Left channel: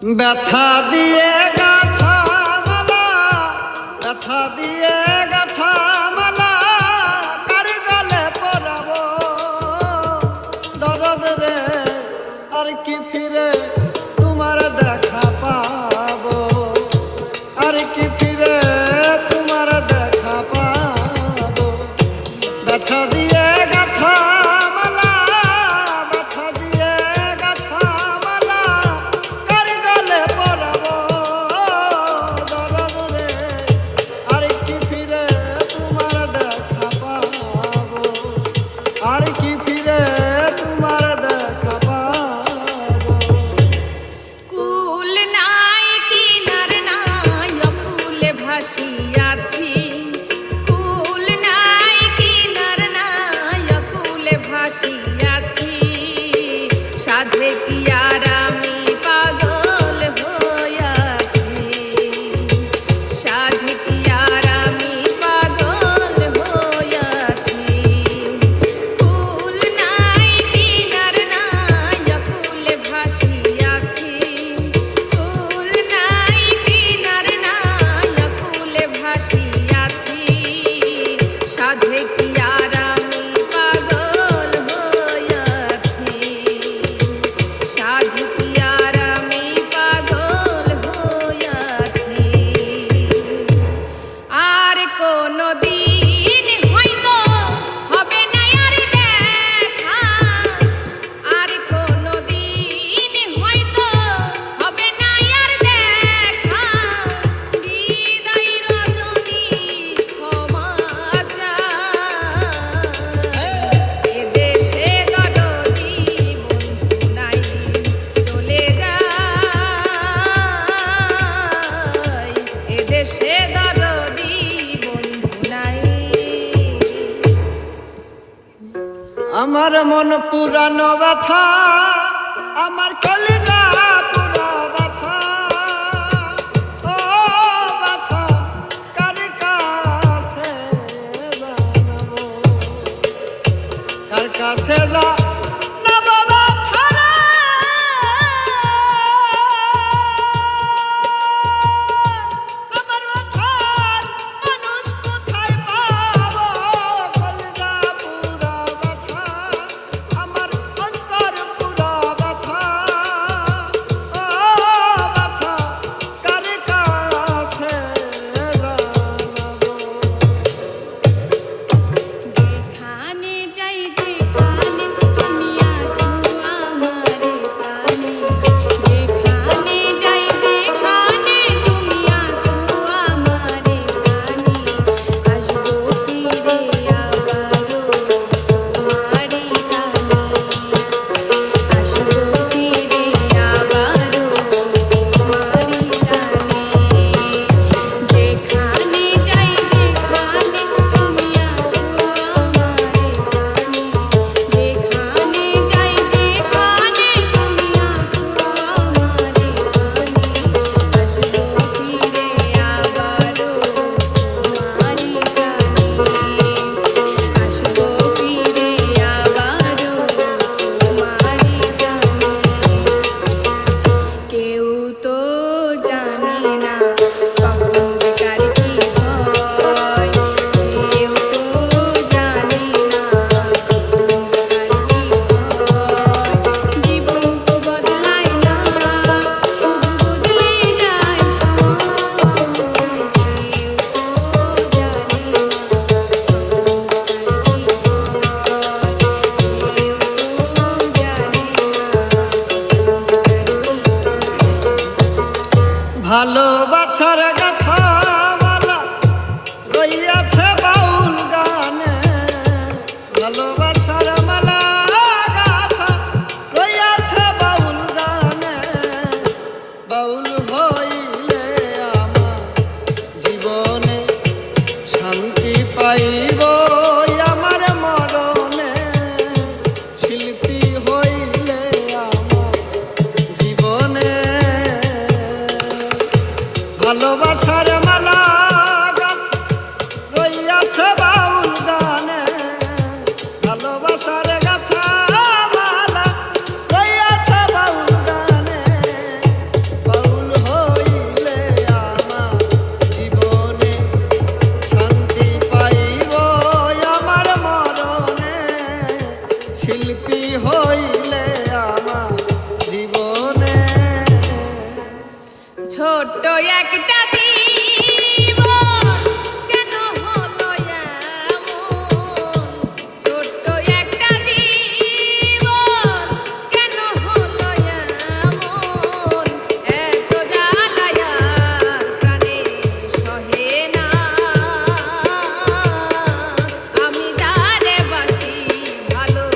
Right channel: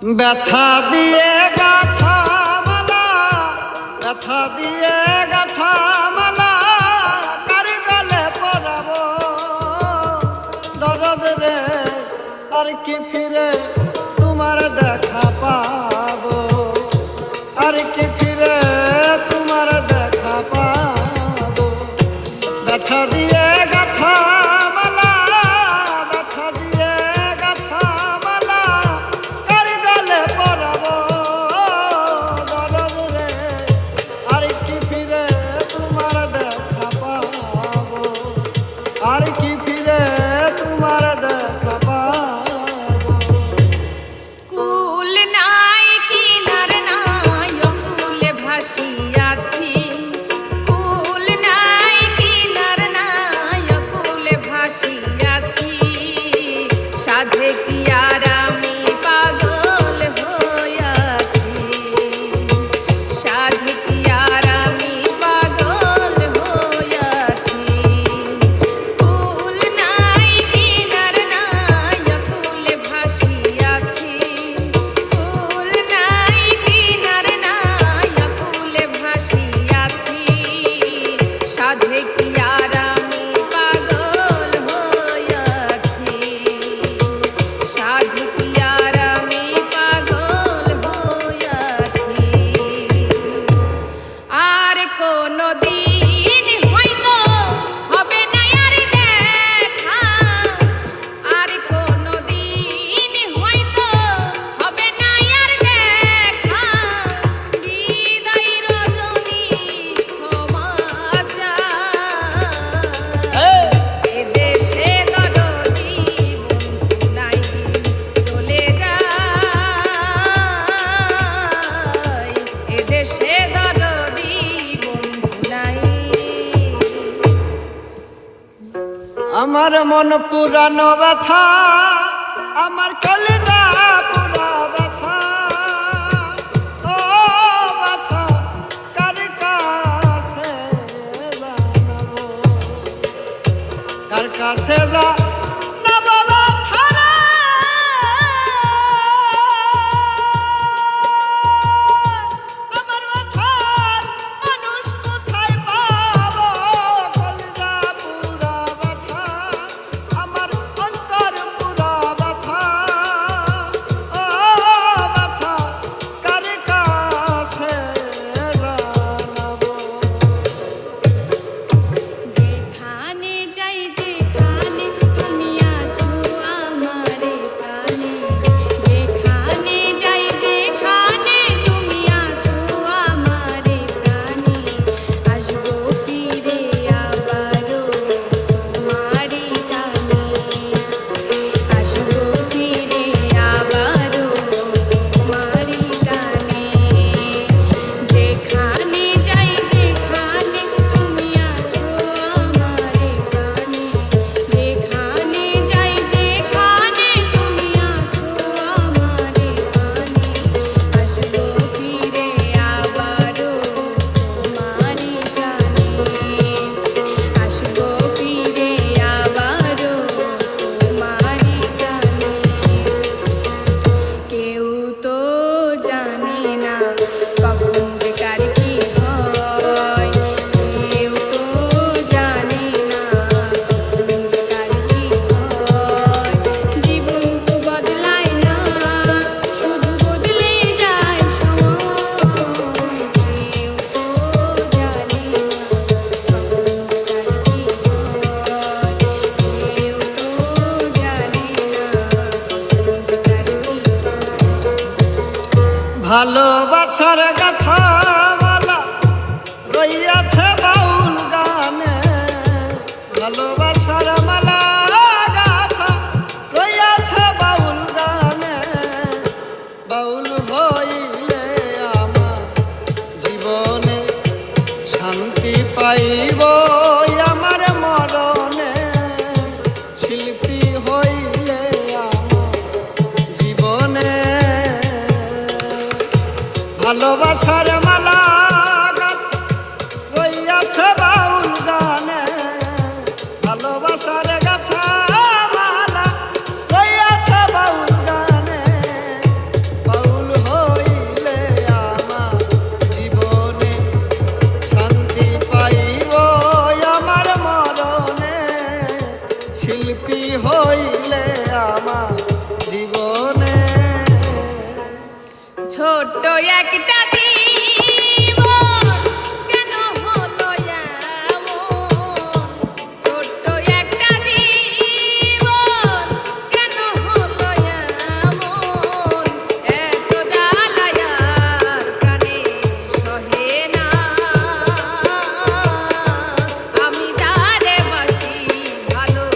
ব্যথা দিয়ে গাথা মালা, ব্যথা দিয়ে গাথা মালা, কার গলে পরাবো দরদ রে, আর কি ফিরে তোমার দেখা পাবো, আর কি ফিরে তোমার দেখা পাবো। ব্যথা দিয়ে গাথা মালা, ব্যথা দিয়ে গাথা মালা, কার গলে পরাবো দরদ রে, আর কি ফিরে তোমার দেখা পাবো, আর কি ফিরে তোমার দেখা পাবো। কুল নাই কিনার নাই অকুল ভাসিয়াছি, কুল নাই কিনার নাই অকুল ভাসিয়াছি, সাধে কি আর আমি পাগল হইয়াছি, সাধে কি আর আমি পাগল হইয়াছি। কুল নাই কিনার নাই অকুল ভাসিয়াছি, কুল নাই কিনার নাই অকুল ভাসিয়াছি, সাধে কি আর আমি পাগল হইয়াছি, সাধে কি আর আমি পাগল হইয়াছি। আর কোনদিন হয়তো হবে না আর দেখা, আর কোনদিন হয়তো হবে না আর দেখা, বিদায় রজনী ক্ষমা চাই। এদেশে দরদি বন্ধু নাই চলে যায়, এদেশে দরদি বন্ধু নাই। আমার মন পুরানো ব্যথা, আমার কলিজা পুরা ব্যথা, ও ব্যথা কার কাছে জানাবো, কার কাছে জানাবো ব্যথা রে। আমার ব্যথা মানুষ কোথায় পাবো, কলিজা পুরা ব্যথা, আমার অন্তর পুরা ব্যথা, ও ব্যথা কার কাছে জানাবো। যেখানে যাই যেখানে তুমি আছো আমারে প্রাণে, যেখানে যাই যেখানে তুমি আছো আমারে প্রাণে, আসবো ফিরে আবারো তোমারই টানে, আসবো ফিরে আবারো তোমারই টানে। যেখানে যাই যেখানে তুমি আছো আমারে প্রাণে, যেখানে যাই যেখানে তুমি আছো আমারে প্রাণে, আসবো ফিরে আবারো তোমারই টানে, আসবো ফিরে আবারো তোমারই টানে। কেউ তো জানে না কখন কার কি হয়, কেউ তো জানে না কখন কার কি হয়, জীবন তো বদলায় না, শুধু বদলে যায় সময়, কেউ তো জানে না কখন কার কি হয়, কেউ তো জানে না। ভালোবাসার কথা মালা রইয়াছে বাউল গানে, ভালোবাসার মালা গাথা রইয়াছে বাউল গানে, বাউল হইলে আমার জীবনে শান্তি পাইব আমার মরণে, শিল্পী হইলে আমার জীবনে ভালোবাসার মালা গাথা রইয়াছে বাউল গানে, ভালোবাসার গাথা মালা রইয়াছে বাউল গানে, ছোট্ট একটা জীবন কেন হলো এমন? ছোট্ট একটা জীবন কেন হলো এমন? এত জ্বালা আর প্রাণে সহে না। আমি যারে বাসি ভালো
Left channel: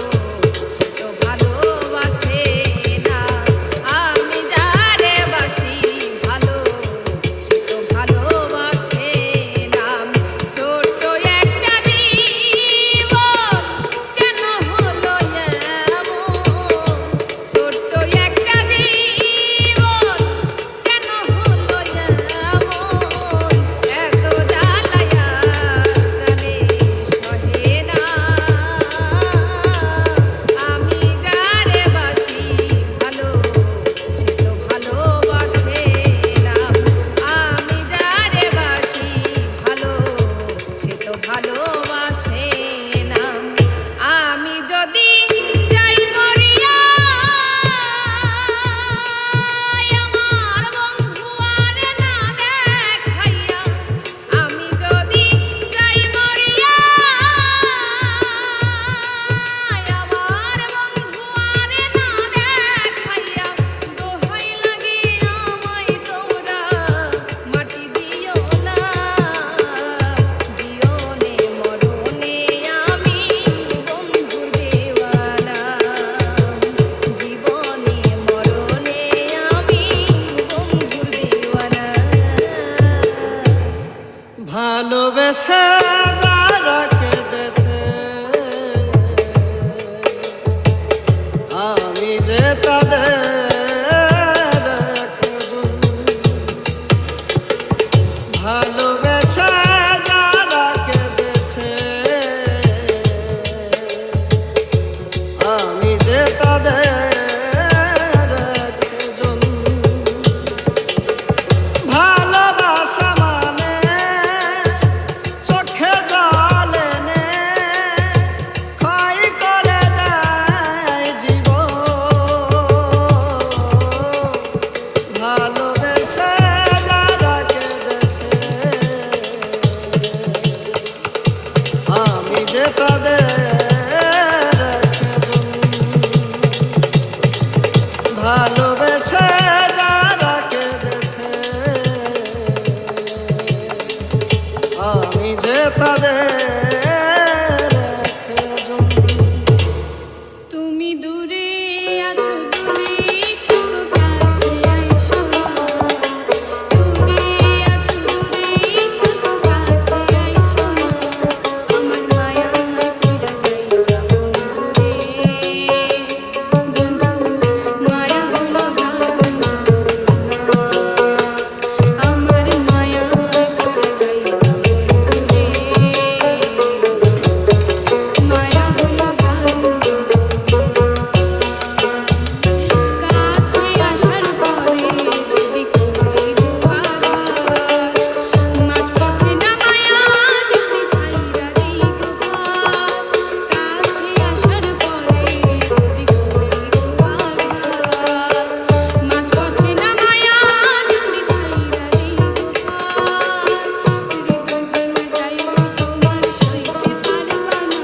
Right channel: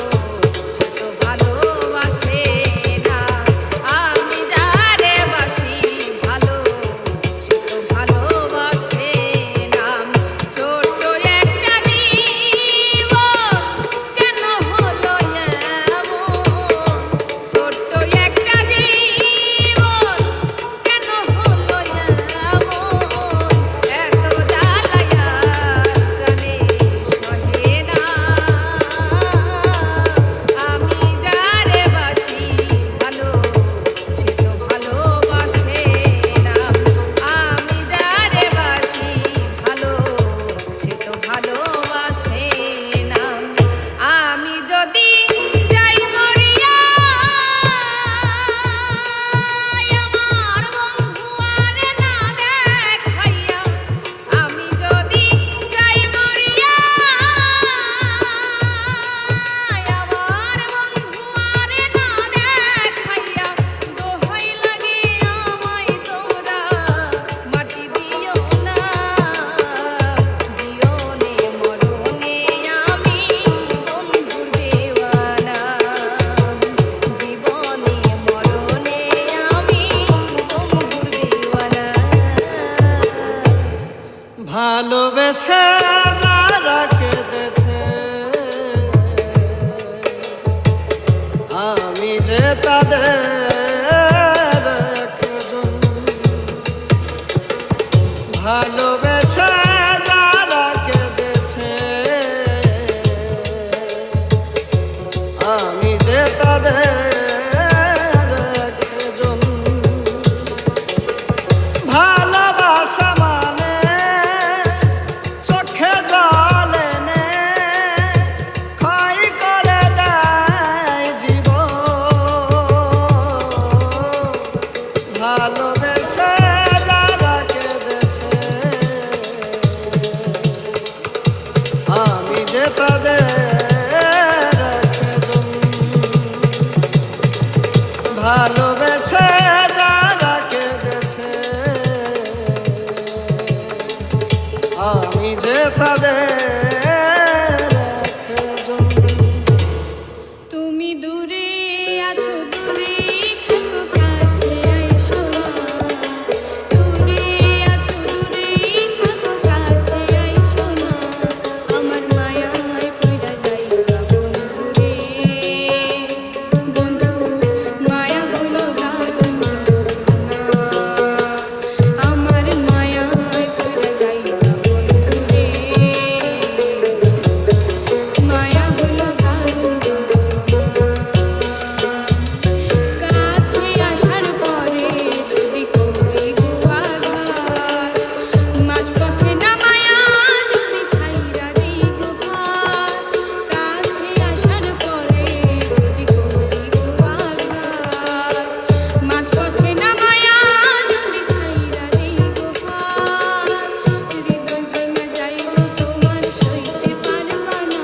সে তো ভালোবাসে না। আমি যারে বাসি ভালো সে তো ভালোবাসে না। ছোট্ট একটা জীবন কেন হলো এমন? ছোট্ট একটা জীবন কেন হলো এমন? এত জ্বালা প্রাণে সহে না। আমি যারে বাসি ভালো সে তো ভালোবাসে না। আমি যারে বাসি ভালো সে তো ভালোবাসে না। আমি যদি যাই মরিয়া আমার বন্ধু আর না দেখাইয়া। আমি যদি যাই মরিয়া আমার বন্ধু আর না দেখাইয়া। দোহাই লাগে আমায় তোমরা মাটি দিও না। জীবনে মরণে আমি বন্ধুর দেওয়ানা। জীবনে মরণে আমি বন্ধুর দেওয়ানা। ভালোবেসে যারা কেঁদেছে আমি যে তাদের একজন। ভালোবেসে যারা কেঁদেছে আমি যে তাদের একজন। ভালোবাসা মানে চোখে জল এনে ক্ষয় করে দেয় জীবন। ভালোবেসে যারা কেঁদেছে আমি যে তাদের একজন। ভালোবেসে যারা কেঁদেছে আমি যে তাদের একজন। তুমি দূরে আছো দূরে থাকো কাছে আইসো না। দূরে আছো দূরে থাকো কাছে আইসো না। আমার মায়ায় পড়া যাইবা বন্ধুরে। বন্ধু মায়া হলো দারুণ যন্ত্রণা। আমার মায়ায় পড়া যাইবা বন্ধুরে। মায়া হলো দারুণ যন্ত্রণা। কাছে আসার পরে যদি করি গো আঘাত। মাঝপথে নামায়া যদি ছাইরা দেই গো হাত। কাছে আসার পরে যদি করি গো আঘাত। মাঝপথে নামায়া যদি ছাইরা দেই গো হাত। হৃদয় ভেঙে যাইব তোমার সইতে পারবা না।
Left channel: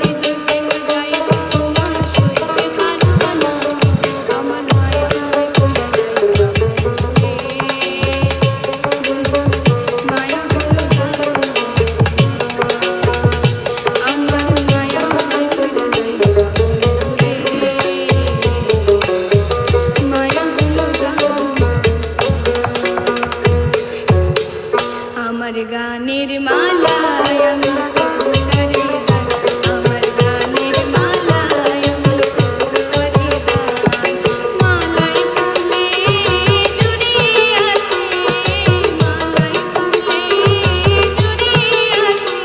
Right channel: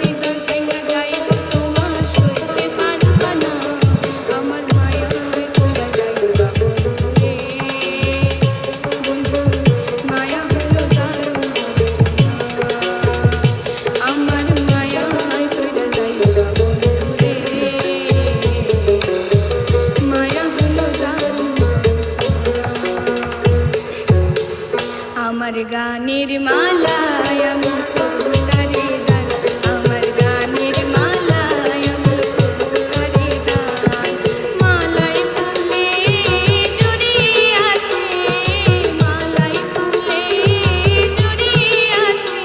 হৃদয় ভেঙে যাইব তোমার সইতে পারবা না। আমার মায়ায় পড়া যাইবা বন্ধুরে। বন্ধু মায়া হলো দারুণ যন্ত্রণা। আমার মায়ায় পড়া যাইবা বন্ধুরে। মায়া হলো দারুণ যন্ত্রণা। আমার গানের মালায় আমি তবু তারে গান। আমার গানের মালায় আমি তবু তারে গান। মালাই ফুলে জড়িয়ে আছে। মালাই ফুলে জড়িয়ে আছে।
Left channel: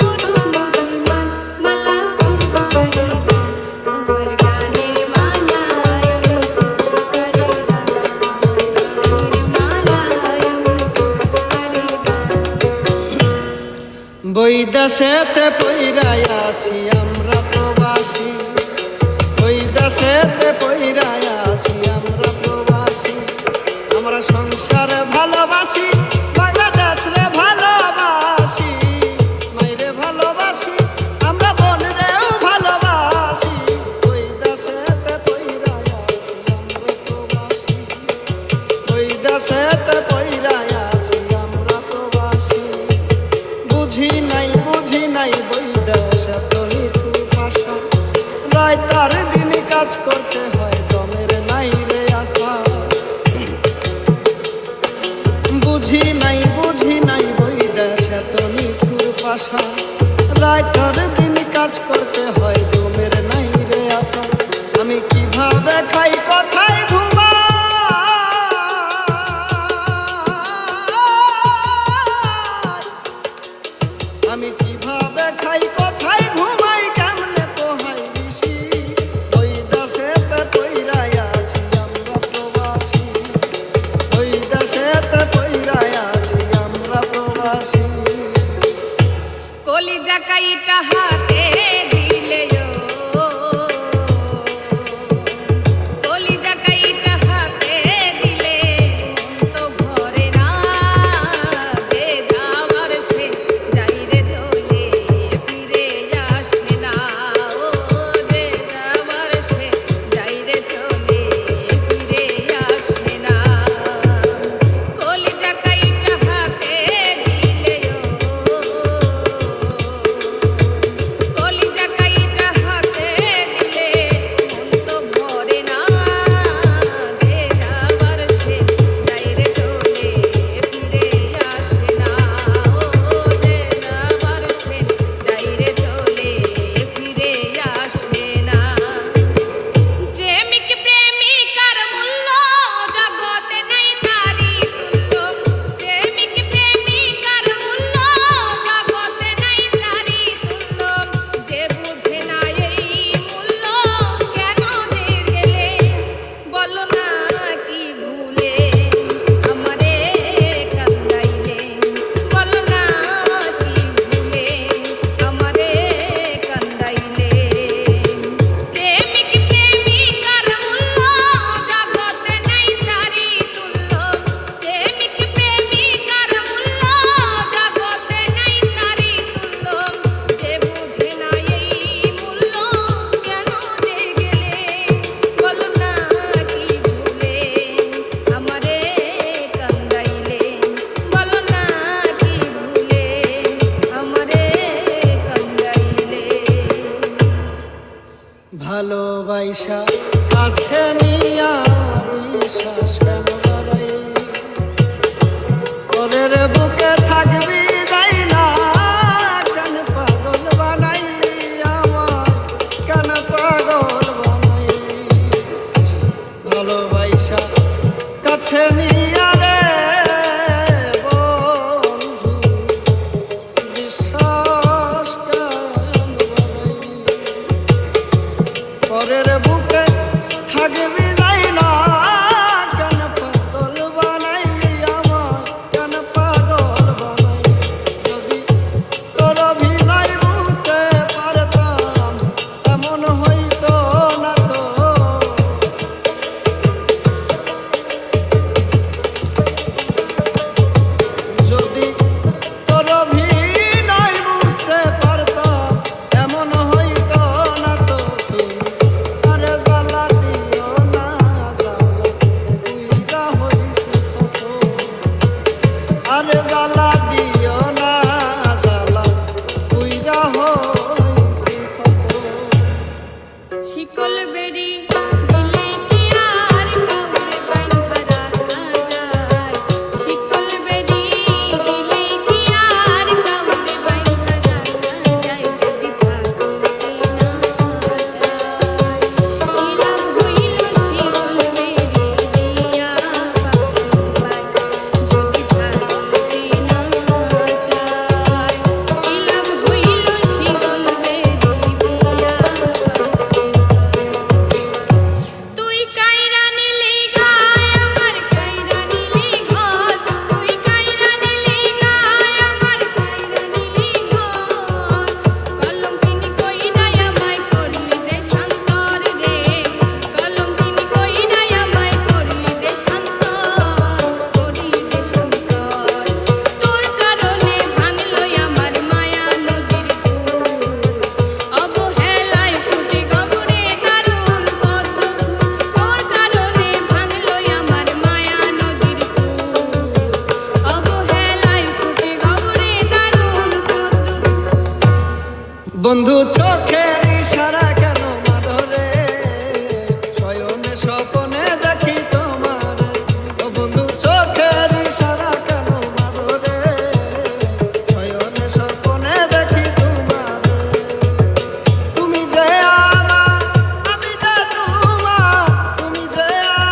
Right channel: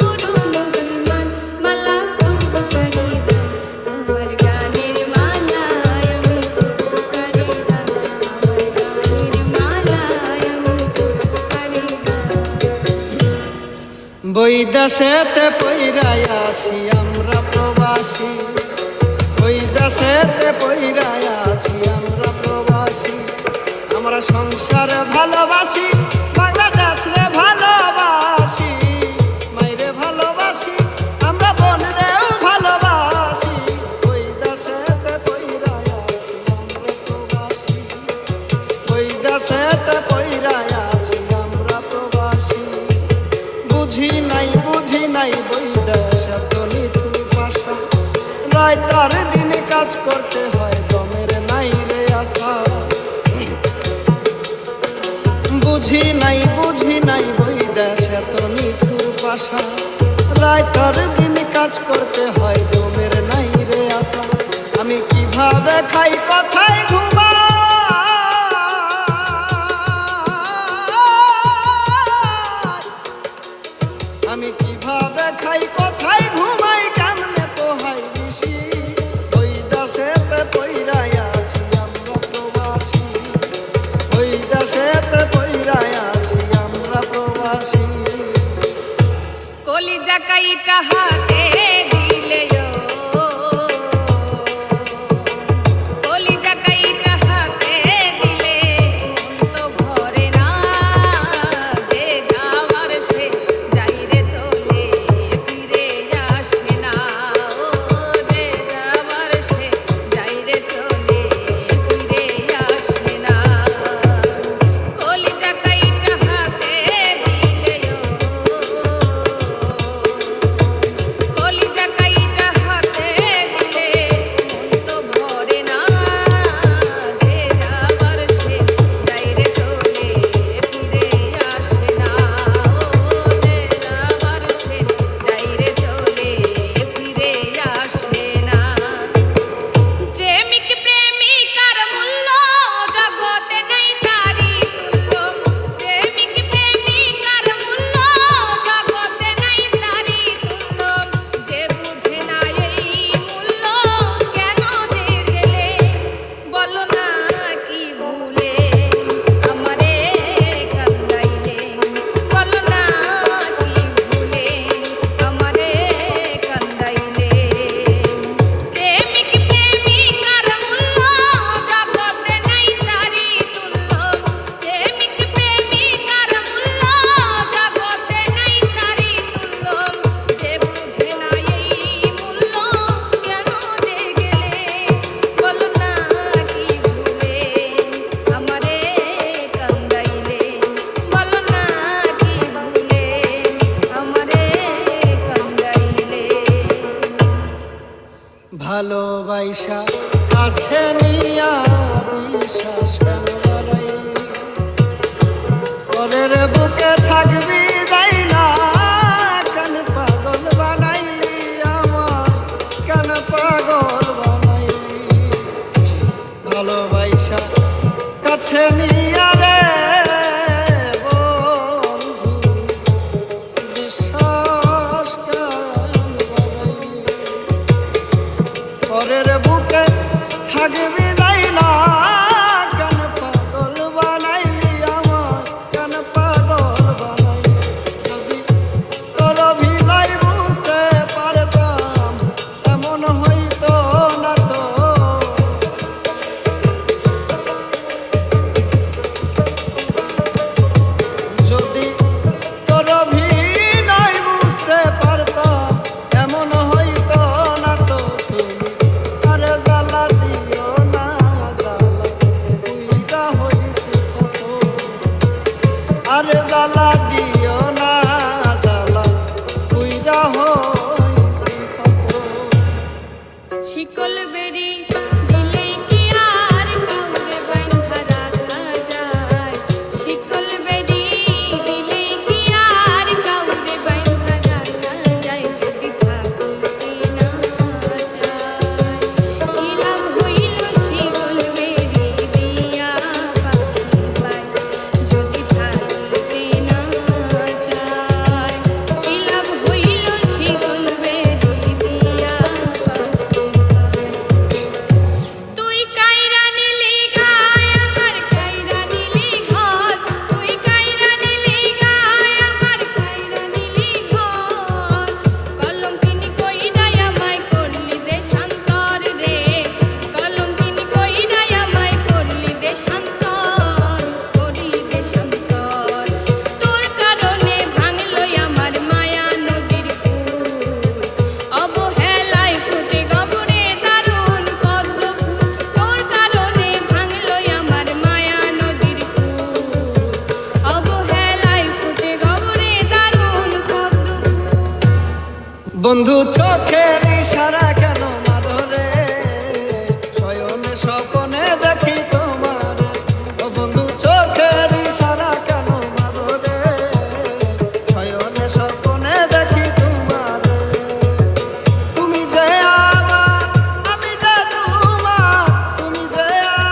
তরুণ অভিমান মালা তবু তারে গান। আমার গানের মালায় আমি তবু তারে গান। আমার গানের মালায় আমি তবু তারে গান। বৈদেশেতে পইরাই আছি আমরা প্রবাসী। বৈদেশেতে পইরাই আছি আমরা প্রবাসী। দেশেতে পইরা আছি আমরা প্রবাসী। বুঝি নাই বৈদেশে তো নিঠুর ভাষা। রাইতার দিন কাজ করতে হয় দমের নাই রে আশা। বুঝি নাই বৈদেশে তো নিঠুর ভাষা। রাইতার দিন কাজ করতে হয় দমের নাই রে আশা। আমি কিভাবে খাই কোথায় ঘুমাই, আমি কিভাবে খাই কোথায় ঘুমাই, কেমনে পোহাই দিছি। ওই দেশেতে পইরা আছি আমরা প্রবাসী। ওই দেশেতে পইরা আছি আমরা প্রবাসী। কলিজা কাইটা হাতে দিলে ও, কলিজা কাইটা হাতে দিলে মন তো ভরে না। যে যাওয়ার সে যাই রে চলে ফিরে আসে না। ও যে যাওয়ার সে যাই রে চলে ফিরে আসে না। কলিজা কাইটা হাতে দিলে ও, কলিজা কাইটা হাতে দিলে মন তো ভরে না। যে যাওয়ার সে যাই রে চলে ফিরে আসে না। ও যে যাওয়ার সে যাই রে চলে ফিরে আসে না। প্রেমিক প্রেমিকার মূল্য জগতে নাই তারি তুল্য। প্রেমিক প্রেমিকার মূল্য জগতে নাই তারি তুল্য। যে বুঝে না এই মূল্য কেন যে গেলে বলো না কি ভুলে আমারে কান্দাইলে। বলো না কি ভুলে আমারে কান্দাইলে। প্রেমিক প্রেমিকার মূল্য জগতে নাই তারি তুল্য। প্রেমিক প্রেমিকার মূল্য জগতে নাই তারি তুল্য। যে বুঝে না এই মূল্য কেন যে গেলে বলো না কি ভুলে আমারে কান্দাইলে। বলো না কি ভুলে আমারে কান্দাইলে। ভালোবাসা আছে নিয়া বিশ্বাস কেন বাড়াইলি। পরের বুকে থাকবি যাইরা কেন পাগল বানাইলি আমার, কেন পাগল বানাইলি। ভালোবাসা কাছে নিয়া রে বন্ধু বিশ্বাস কেন বাড়াইলি। পরের বুকে থাকবি যাইরা কেন পাগল বানাইলি আমার, কেন পাগল বানাইলি। যদি তোর অভিনয় বুঝতে পারতাম এমন হইতো না তো। বন্ধু চোখের ইশারা কেন মারো রে, শয়নে স্বপ্নে দেখি তোমার। ও বন্ধু চোখের ইশারা কেন মারো রে, শয়নে স্বপ্নে দেখি তোমার। তুমি যে আমার, আমি যে তোমার, তুমি যে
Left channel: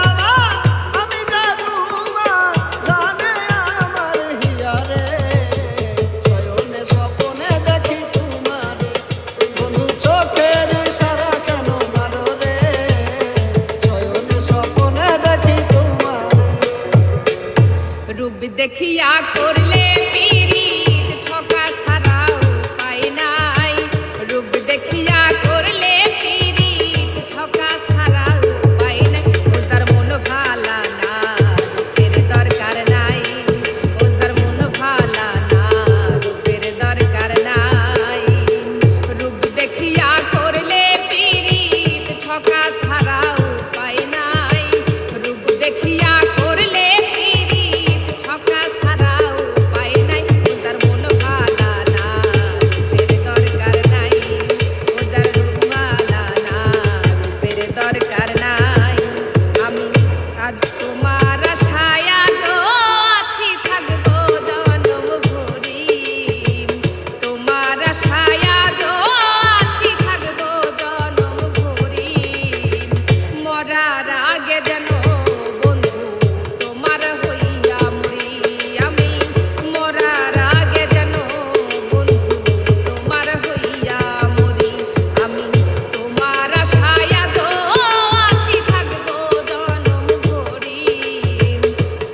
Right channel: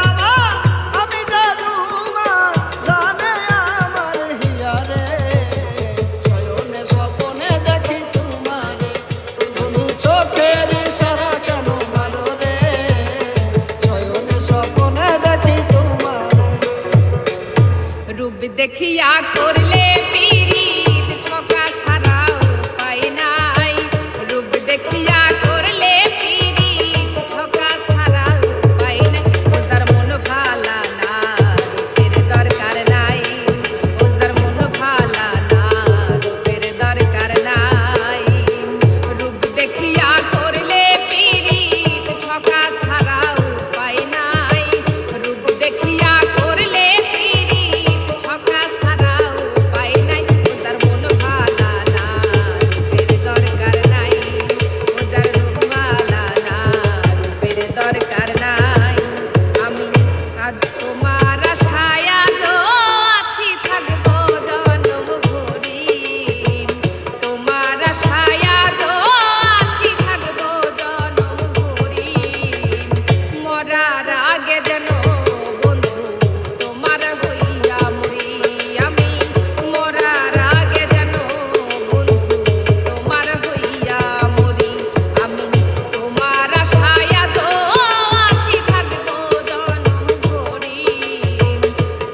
আমার, আমি যে তোমার, জানে আমার হিয়া রে, শয়নে স্বপ্নে দেখি তোমার। বন্ধু চোখের ইশারা কেন মারো রে, শয়নে স্বপ্নে দেখি তোমার। রূপ দেখিয়া করলে পীড়িত, ঠকা ছাড়া উপায় নাই। রূপ দেখিয়া করলে পীড়িত, ঠকা ছাড়া উপায় নাই। ওজার মন ভালা না, রূপের দরকার নাই। ওজার মন ভালা না, রূপের দরকার নাই। রূপ দেখিয়া করলে পীড়িত, ঠকা ছাড়া উপায় নাই। রূপ দেখিয়া করলে পীড়িত, ঠকা ছাড়া উপায় নাই। ওজার মন ভালা না, রূপের দরকার নাই। ওজার রূপ ভালা না, রূপের দরকার নাই। আমি আজ তোমার আশায় আজও আছি, থাকবো জনম ভরি। তোমার আশায় আজও আছি, থাকবো জনম ভরি। মরার আগে যেন বন্ধু তোমার হইয়া মরি। আমি মরার আগে যেন বন্ধু তোমার হইয়া মরি। আমি তোমার আশায় আজও আছি, থাকবো জনম ভরি।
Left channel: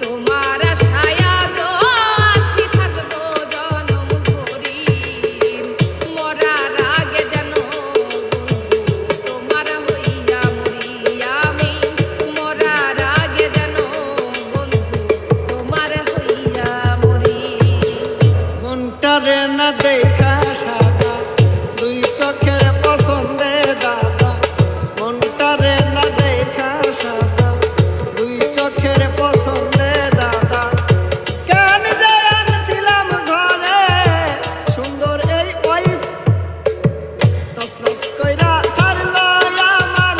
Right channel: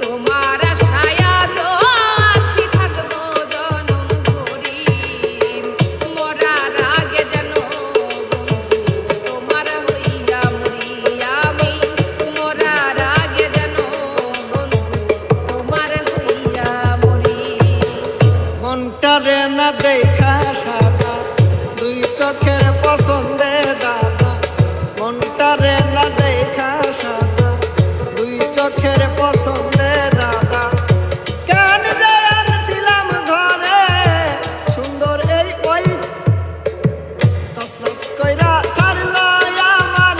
তোমার আশায় আজও আছি, থাকবো জনম ভরি। মরার আগে যেন বন্ধু তোমার হইয়া মরি। আমি মরার আগে যেন বন্ধু তোমার হইয়া মরি। মনটারে না দেখা সাদা, দুই চোখের পছন্দে দাদা। মনটারে না দেখা সাদা, দুই চোখের পছন্দে দাদা। কেন যে আনছিলাম ঘরে, সুন্দর এই ওই তসনস কইরা ছাড়লো আমার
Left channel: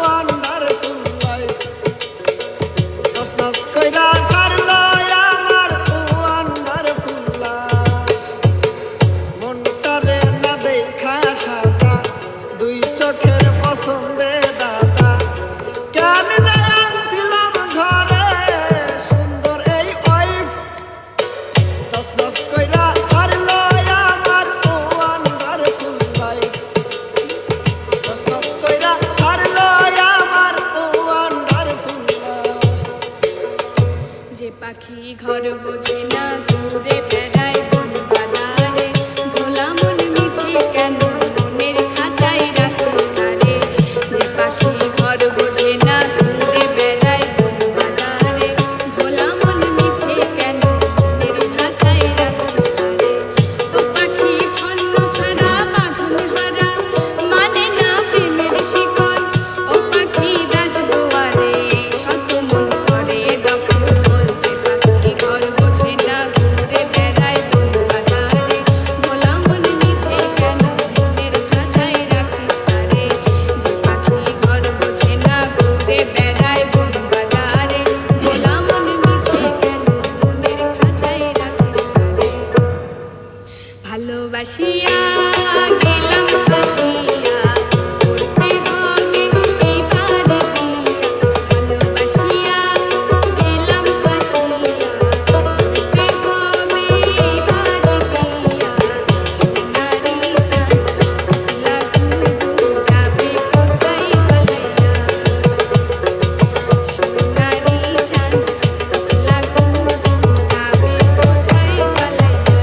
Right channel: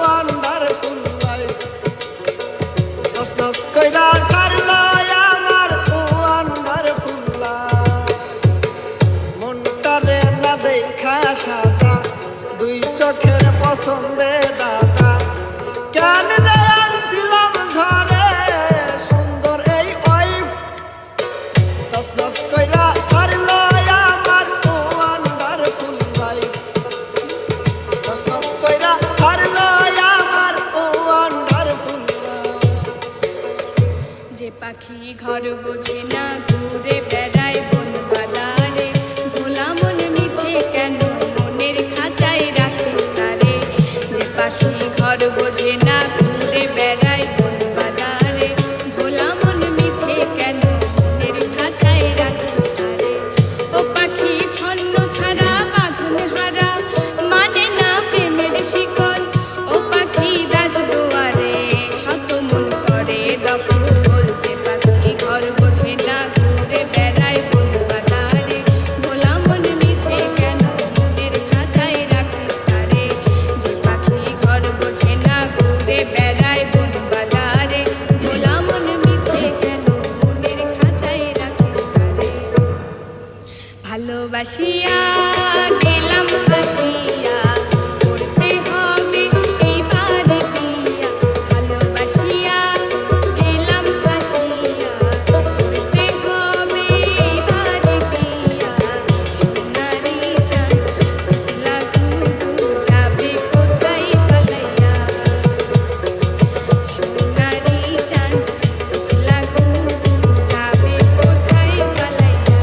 ওয়ান্ডারফুল লাইফ। তসনস কইরা ছাড়লো আমার ওয়ান্ডারফুল লাইফ। মনটারে না দেখা সাদা, দুই চোখের পছন্দে দাদা। কেন যে আনছিলাম ঘরে, সুন্দর এই ওয়াইফ। তসনস কইরা ছাড়লো আমার ওয়ান্ডারফুল লাইফ। তসনস কইরা ছাড়লো আমার ওয়ান্ডারফুল লাইফ। যে পাখি ঘর বোঝে না, ঘুরে বেড়ায় বন বাজারে। ভোলা মন মিছে কেন মনের খাঁচায় রাখিস তারে। যে পাখি ঘর বোঝে না, ঘুরে বেড়ায় বন বাজারে। ভোলা মন মিছে কেন মনের খাঁচায় রাখিস তারে। ও পাখি ছন্ন ছাড়া বাঁধন হারা, মানে না প্রেমের শিকল। ও পাখি দাস দুয়ারে, শত মন করে দখল। যে পাখি ঘর বোঝে না, ঘুরে বেড়ায় বন বাজারে। ভোলা মন মিছে কেন মনের খাঁচায় রাখিস তারে। যে পাখি ঘর বোঝে না, ঘুরে বেড়ায় বন বাজারে। ভোলা মন মিছে কেন মনের খাঁচায় রাখিস তারে। ভালোবাসিয়া গেলাম বাসিয়া, করতে হবে এবার বিয়া। ভালোবাসিয়া গেলাম বাসিয়া, করতে হবে এবার বিয়া। সোনারি চাঁদ লাগু যাবে কোথায় পালাইয়া। সোনারি চাঁদ লাগু যাবে কোথায় পালাইয়া।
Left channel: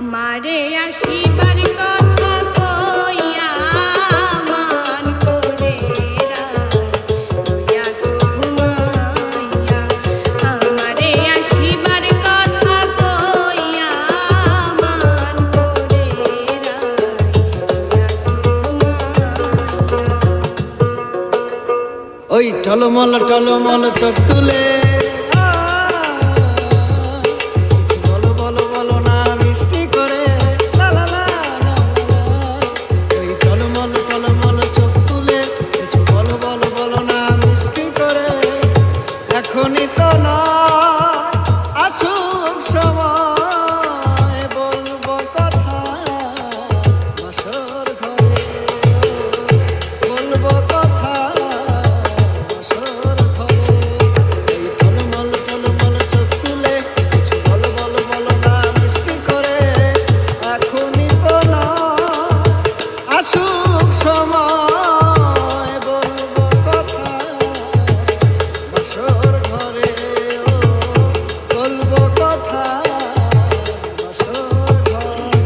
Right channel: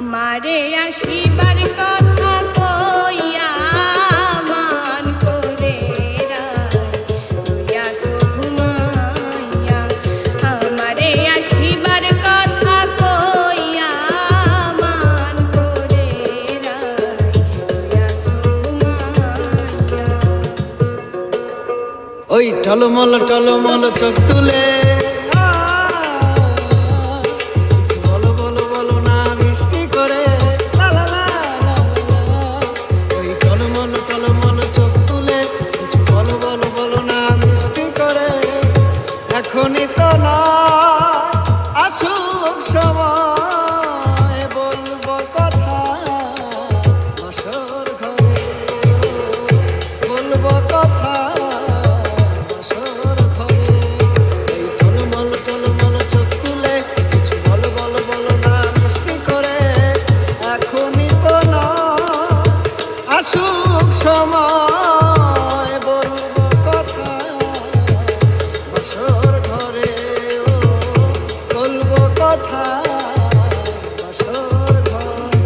আমারে আসিবার কথা কইয়া মান করে রাইয়া ঘুমাইয়া আমারে আসিবার কথা কইয়া মান করে রাইয়া ঘুমাইয়া ওই টলমল টলমল চোখ তুলে বলো বলো বলো না মিষ্টি করে লা লা লা লা লা। ওই টলমল টলমল চোখ তুলে কিছু বলো বলো বলো না মিষ্টি করে এখনই তো না আসুক সময় বলবো কথা বাসর ঘরে বলবো কথা বাসর ঘরে। টলমল টলমল চোখ তুলে কিছু বলো বলো বলো না মিষ্টি করে এখনই তো না আসুক সময় বলবো কথা বাসর ঘরে ও বলবো কথা বাসর ঘরে।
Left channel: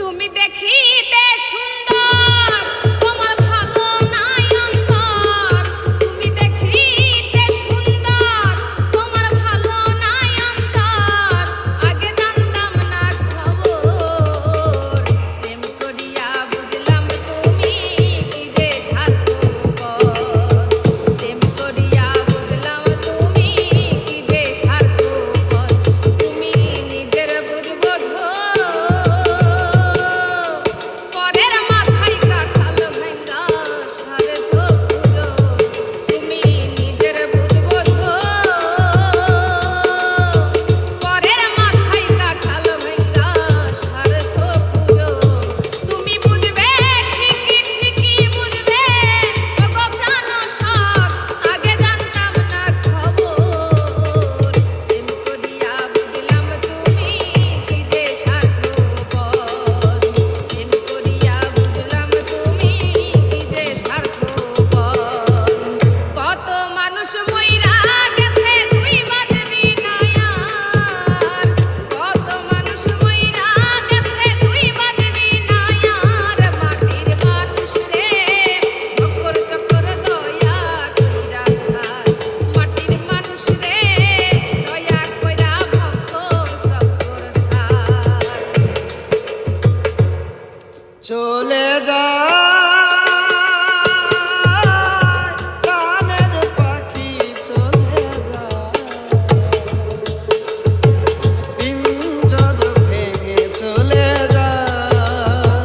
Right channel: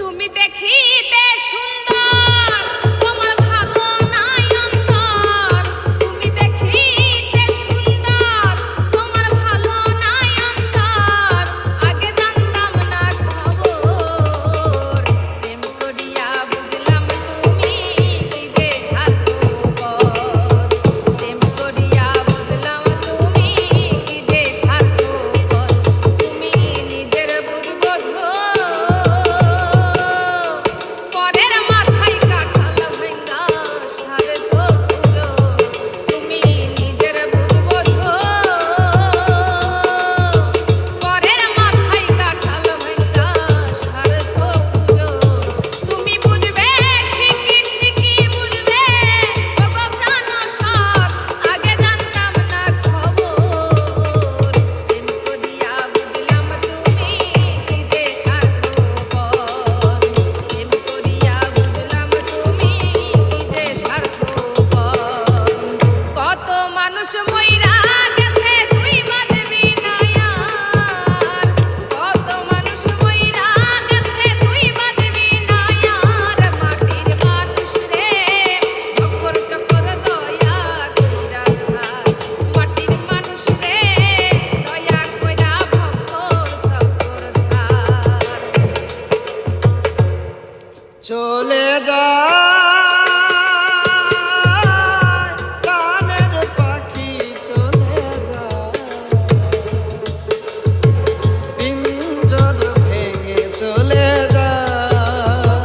তুমি দেখিতে সুন্দর তোমার ভালো নাই অন্তর তুমি দেখিতে সুন্দর তোমার ভালো নাই অন্তর আগে জানতাম না খবর প্রেম করিয়া বুঝলাম তুমি নিজে স্বার্থপর প্রেম করিয়া বুঝলাম তুমি নিজে স্বার্থপর তুমি নিজের বুঝবো পরের মাথায় কাঁঠাল ভাঙ্গা সারে তো খুঁজো তুমি নিজের বুঝবো পরের মাথায় কাঁঠাল ভাঙ্গা সারে তো খুঁজো তুমি বুঝবে ঠিকই ঠিকই বুঝবে ওগো প্রাণ সব আগে জানতাম না খবর প্রেম করিয়া বুঝলাম তুমি নিজে স্বার্থপর প্রেম করিয়া বুঝলাম তুমি নিজে স্বার্থপর কত মানুষ মইরা গেছে তুই বাঁধবি না আর কত মানুষ মইরা গেছে তুই বাঁধবি না আর মাটির মানুষ রে চক্কর চক্কর দয়া কইরা সার মাটির মানুষ রে দয়া কইরা ভক্তর চক্কর সার চলে যায় প্রাণের পাখি চলে যায় পিঞ্জর ভেঙে চলে যায়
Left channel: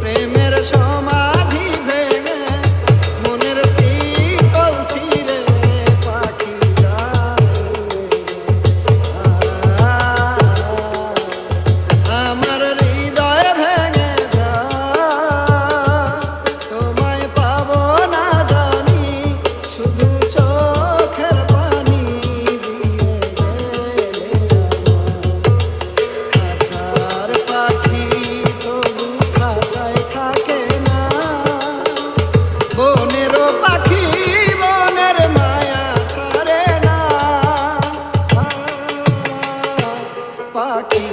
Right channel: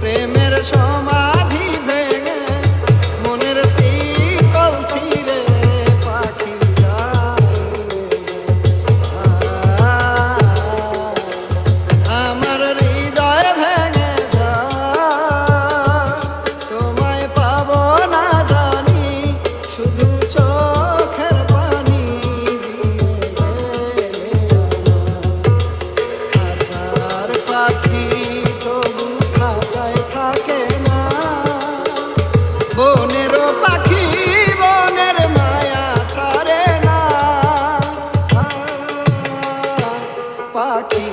প্রেমের সমাধি ভেঙে মনের শিকল ছিঁড়ে পাখি যায় আমার হৃদয় ভেঙে যায় তোমায় পাবো না জানি শুধু চোখের পানি দিয়ে খাঁচার পাখি তবু খাঁচায় থাকে না বনেরও পাখি বনের মায়া ছাড়ে না পাখি